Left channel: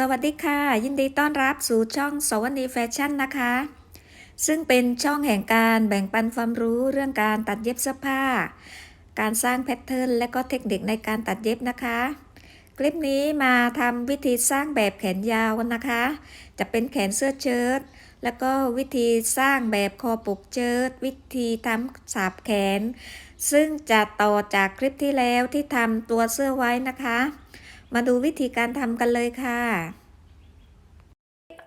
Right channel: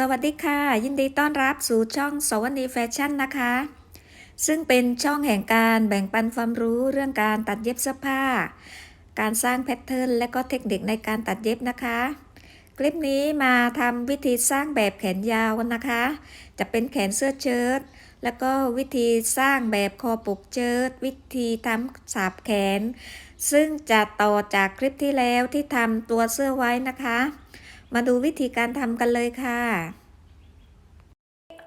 สวัสดีค่ะ ยินดีต้อนรับสู่ช่องสวัสดีแฟชั่นนะคะ ซึ่งเป็นช่องแห่งการแบ่งปันความรู้เรื่องการตัดเย็บเสื้อผ้า การสร้างแพทเทิร์นและก็เทคนิคในการตัดเย็บนะคะ คลิปนี้มาทำวิธีสร้างแบบแขนยาวนะคะ จะเป็นแขนเสื้อเชิ้ตแล้วก็วิธีสร้างแบบคอปกเชิ้ตวิธีทำสาบแขน ซึ่งจะต่อจากคลิปที่แล้วที่ทำตัวเสื้อไว้นะคะ มาดูวิธีการทำกันเลยค่ะ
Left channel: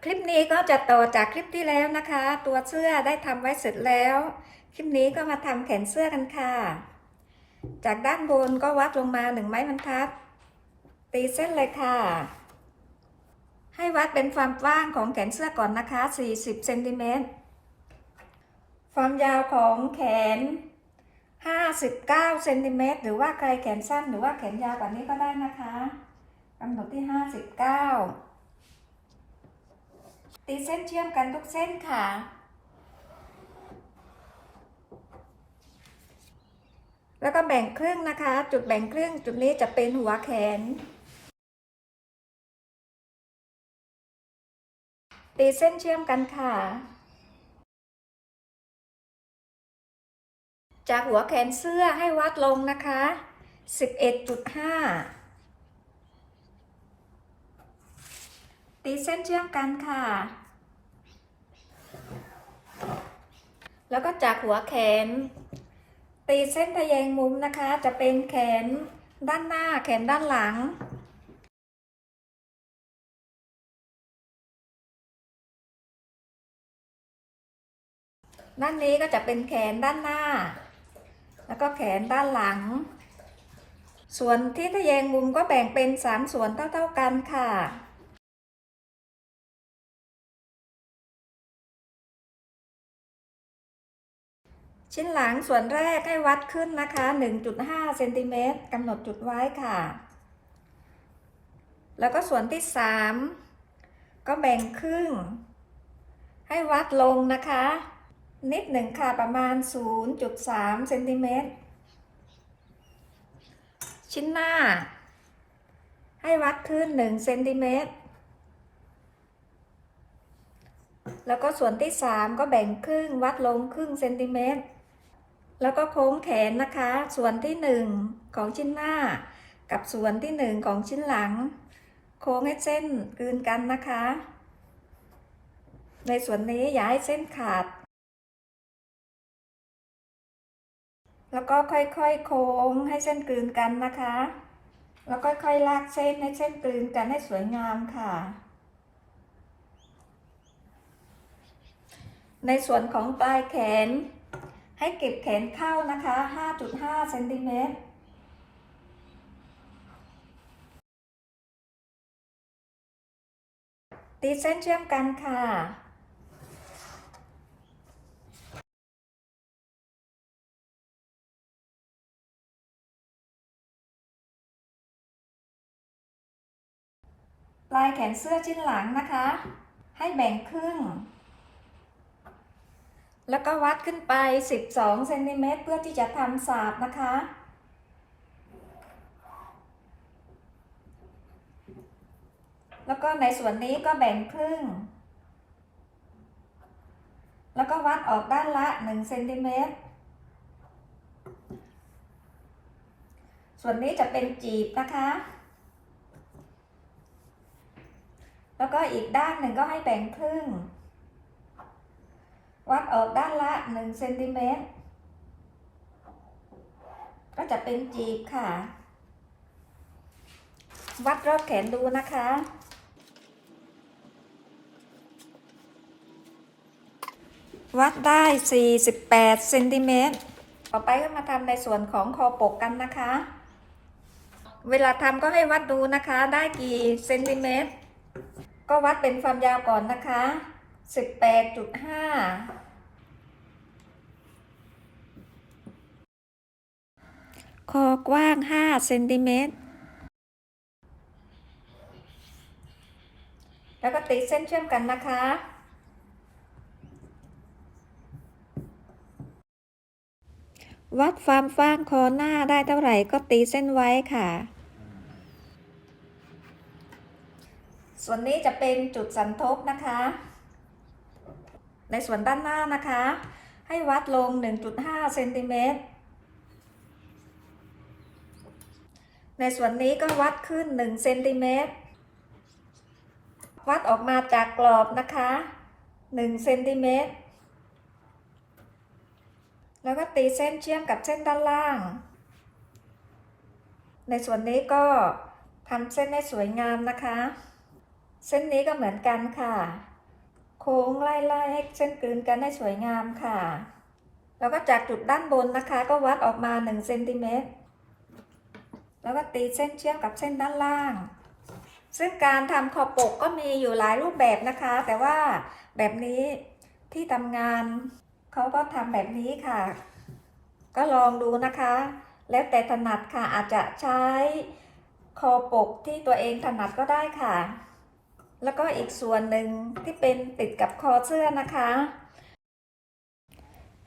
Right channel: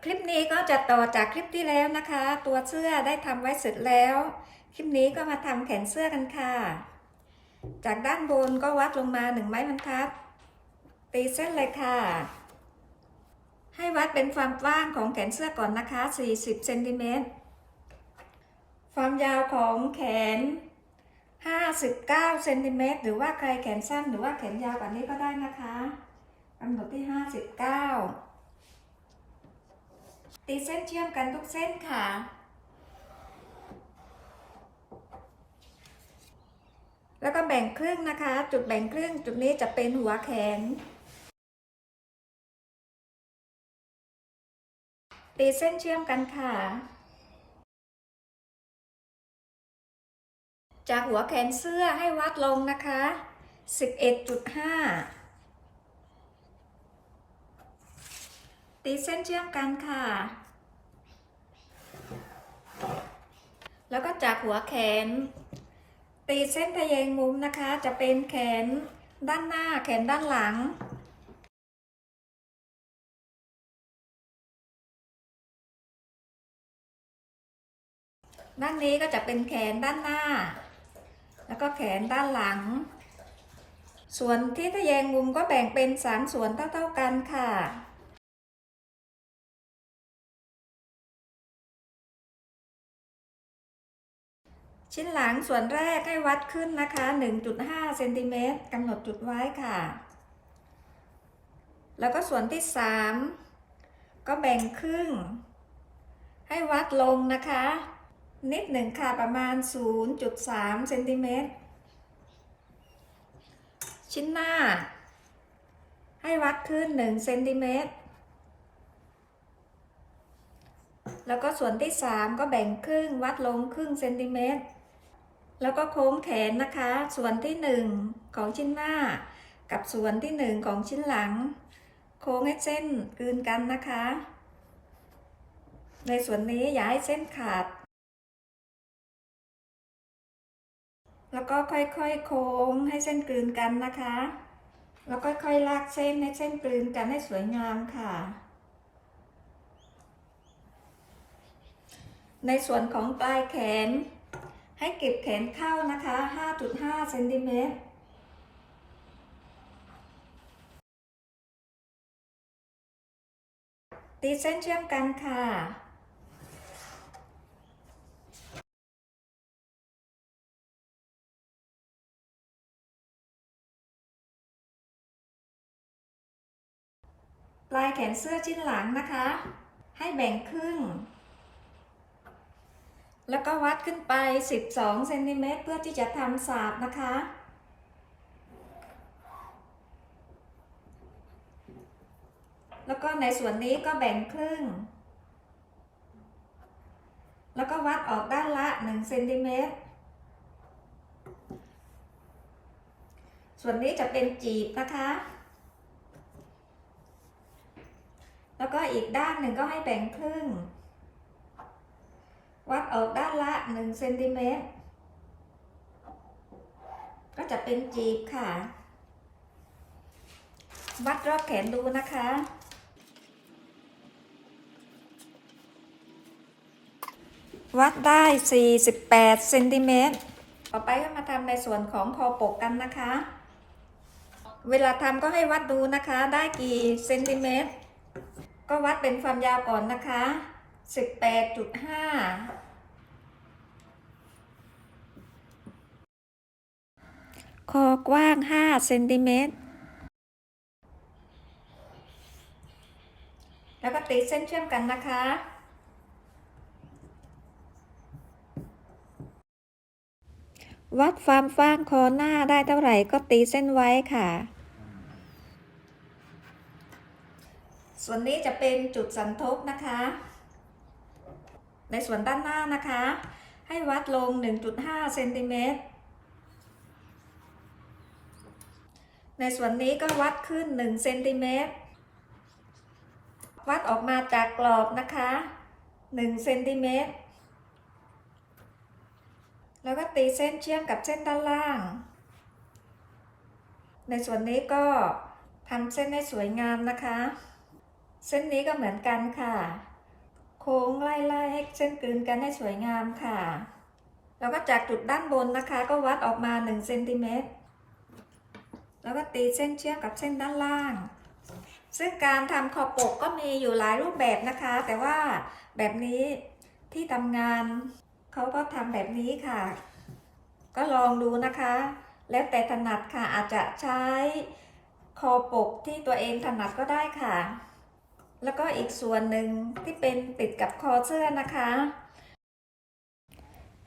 คลิปนี้ก็จะต่อจากคลิปที่แล้วนะคะ ตัวเสื้อได้ทำไว้เสร็จแล้ว คลิปนี้ก็มาทำแขนเสื้อกันค่ะ จากด้านบนก็วัดลงมาหนึ่งไม้บรรทัด ตีเส้นเลยค่ะ ให้วัดเป็นความกว้างของแขนเสื้อก่อนนะคะ 40เซนติเมตรความยาวของแขน 59 เซนติเมตร หรือว่าใครแขนสั้นหรือว่าแขนยาวกว่านี้ก็ได้นะคะ กำหนดที่ 59 ตีเส้นเชื่อมกันทุกเส้นค่ะ แล้วก็แบ่งครึ่งนะคะ จุดแบ่งครึ่งจุดนี้จะเป็นหัวแขน ตีเส้นเชื่อมกันค่ะ จากหัวแขนเสื้อให้วัดลงนะคะ 11.5 ตีเส้นเชื่อมกันค่ะ แล้วก็จากหัวแขน ตีเส้นทะแยงมุมนะคะ จะเป็นแขนด้านหน้าแขนด้านหลังด้านนี้ก็จะเป็นแขนด้านหน้า แล้วก็แขนด้านหลัง ส่วนที่ทะแยงมุมก็แบ่งเป็นสามส่วนเท่าๆกันค่ะ ชิ้นหลังส่วนแรกให้วัดขึ้นนะคะ 1.5เซนติเมตรกำหนดจุดไว้ค่ะ แล้วก็ส่วนที่ 3 ก็แบ่งครึ่ง ให้วัดลงนะคะ นิดหนึ่งค่ะประมาณ 0.3เซนติเมตรชิ้นหน้า ให้วัดขึ้น1เซนติเมตรแล้วก็ส่วนที่ 3 ก็แบ่งครึ่งวัดลงครึ่งเซนติเมตร แล้วก็โค้งแขนนะคะ ส่วนที่ 1 ของชิ้นหน้า กับส่วนที่ 1 ของชิ้นหลัง โค้งให้เส้นกลืนกันนะคะ ในส่วนนี้อย่าให้เส้นขาด แล้วก็ค่อยๆโค้งให้เส้นกลืนกันนะคะ แล้วก็ค่อยลากเส้นให้เส้นกลืนกันให้สวยงามค่ะในส่วนของปลายแขน ให้เก็บแขนเข้านะคะ 5.5เซนติเมตรตีเส้นเชื่อมกันค่ะ ปลายแขนเสื้อชิ้นหลังนะคะ ให้แบ่งครึ่ง แล้วก็วัดขึ้นไป 12เซนติเมตรเพื่อที่จะทำสาบนะคะ แล้วก็ในส่วนนี้ก็แบ่งครึ่ง แล้วก็วัดออกด้านละ1เซนติเมตร ส่วนนี้จะเป็นจีบนะคะ แล้วก็อีกด้านหนึ่งก็ให้แบ่งครึ่ง วัดออกด้านละ1เซนติเมตรก็จะเป็นจีบค่ะ วัดรอบแขนดูนะคะวัดได้ 48 เซนติเมตร ต่อไปก็มาทำในส่วนของคอปกกันนะคะ เวลาทำก็ให้วัดดูนะคะ ได้กี่เซนติเมตร ก็วัดเป็นความยาวก่อนนะคะ 18.5คอกว้าง5เซนติเมตร แล้วก็ตีเส้นเชื่อมกันนะคะ วัดความฟ้างคอหน้าได้เท่าไหร่ก็ตีเส้นไว้ค่ะ ส่วนนี้จะเป็นจุดสันทบนะคะ ในส่วนด้านหน้านะคะ ให้วัดลง 1.5เซนติเมตรในส่วนนี้ก็วัดขึ้น1เซนติเมตรวัดออกมาจากกรอบนะคะ1เซนติเมตรแล้วก็ตีเส้นเชื่อมกับเส้นด้านล่าง ในส่วนนี้ก็ทำเส้นให้สวยงามนะคะ เส้นนี้ก็เหมือนกันค่ะ โค้งไล่ๆให้เส้นกลืนกันให้สวยงามค่ะ แล้วก็จากจุดด้านบนนะคะ ก็วัดออกมา1เซนติเมตรแล้วก็ตีเส้นเชื่อมกับเส้นด้านล่าง ซึ่งการทำคอปกก็มีอยู่หลายรูปแบบนะคะ แต่ว่าแบบนี้ที่ทำงานเขาก็ทำแบบนี้ค่ะ ก็ลองดูนะคะ แล้วแต่ถนัดค่ะอาจจะใช้คอปกที่ตัวเองถนัดก็ได้ค่ะ แล้วก็อีกส่วนหนึ่งที่เป็นติดกับคอเสื้อนะคะ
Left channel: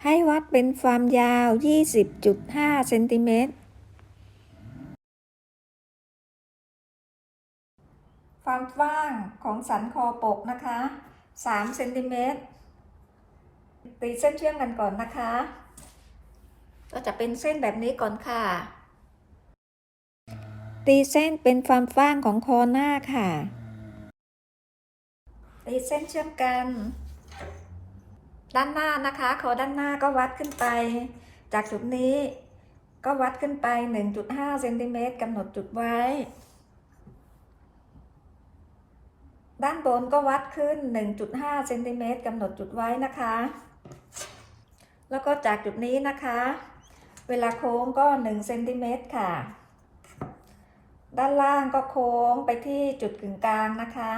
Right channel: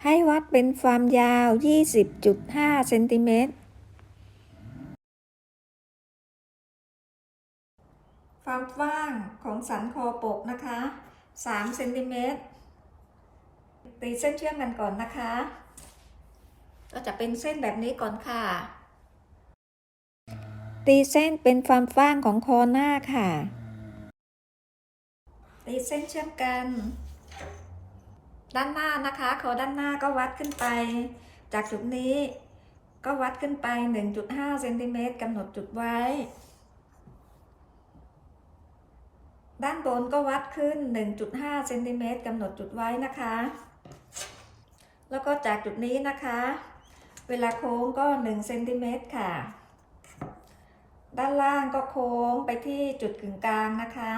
ให้วัดเป็นความยาว 20.5 เซนติเมตร ความกว้างของสันคอปกนะคะ 3 เซนติเมตร ตีเส้นเชื่อมกันก่อนนะคะ ก็จะเป็นเส้นแบบนี้ก่อนค่ะ ตีเส้นเป็นความกว้างของคอหน้าค่ะ ตีเส้นเชื่อมกัน ด้านหน้านะคะคอด้านหน้าก็วัดขึ้นไป จากจุดนี้ก็วัดขึ้นไป 1.5เซนติเมตรกำหนดจุดไว้ ด้านบนก็วัดขึ้น 1.5เซนติเมตรกำหนดจุดไว้นะคะ แล้วก็จากจุดนี้นะคะ เวลาโค้งก็1เซนติเมตรค่ะ ด้านล่างก็โค้งไปที่จุดกึ่งกลางนะคะ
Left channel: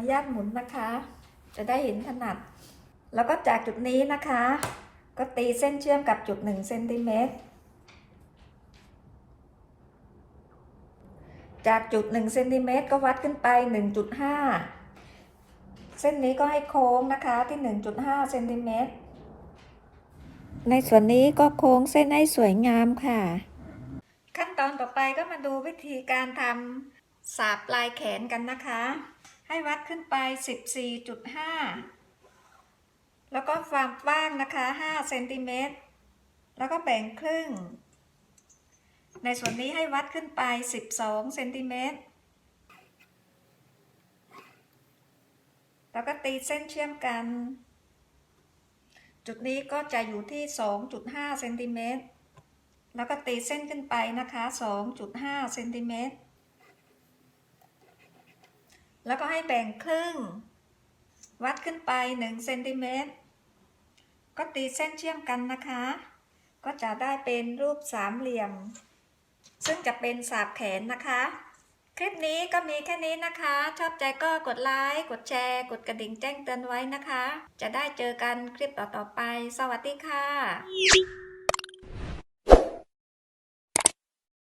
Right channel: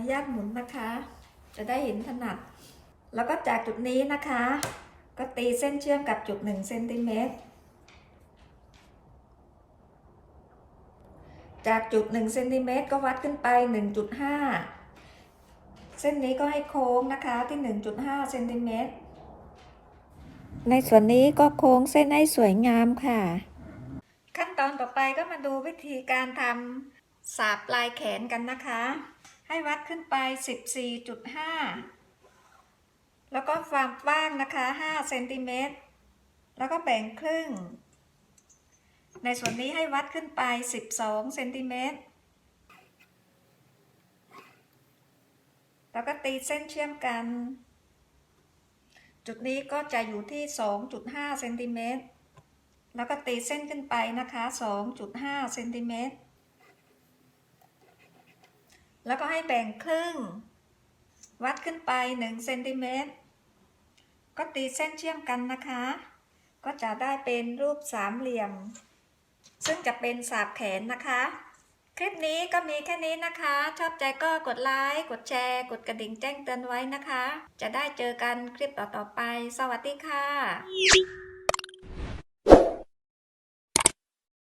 อนุญาตหมุนนะคะ จะได้เห็นถนัด แล้วก็จากจุดนี้นะคะ ก็ตีเส้นเชื่อมกับจุด1เซนติเมตรจากจุด1เซนติเมตรก็วัดขึ้นไป 1.5 เส้นนี้ก็ให้โค้งนะคะที่ 1.5เซนติเมตรในส่วนนี้ก็โค้งเส้นให้สวยงามค่ะ ขั้นตอนต่อไปก็มาดูวิธีการทำสาบปลายแขนกันนะคะ ให้วัดขึ้นไป 14.5 แล้วก็ความกว้างนะคะ5เซนติเมตร แล้วก็แบ่งครึ่ง ในส่วนนี้ให้วัดขึ้นไป 12เซนติเมตร แล้วก็ตีเส้นเชื่อมกัน จุดนี้ก็จะอยู่ที่ 2.5เซนติเมตร แล้วก็ตีเส้นขึ้นไปนะคะ 2.5เซนติเมตร แล้วก็ให้แบ่งครึ่ง วัดขึ้นไป1เซนติเมตร ก็ตีเส้นเชื่อมกันนะคะ ก็จะได้เป็นรูปสามเหลี่ยม ซึ่งจะเป็นสาบแขนนะคะ คลิปนี้ก็มีแค่นี้นะคะ ชอบใจก็กดไลค์ กดแชร์ กดกระดิ่งแจ้งเตือนไว้นะคะ จะได้เจอกันคลิปต่อๆไป สวัสดีค่ะ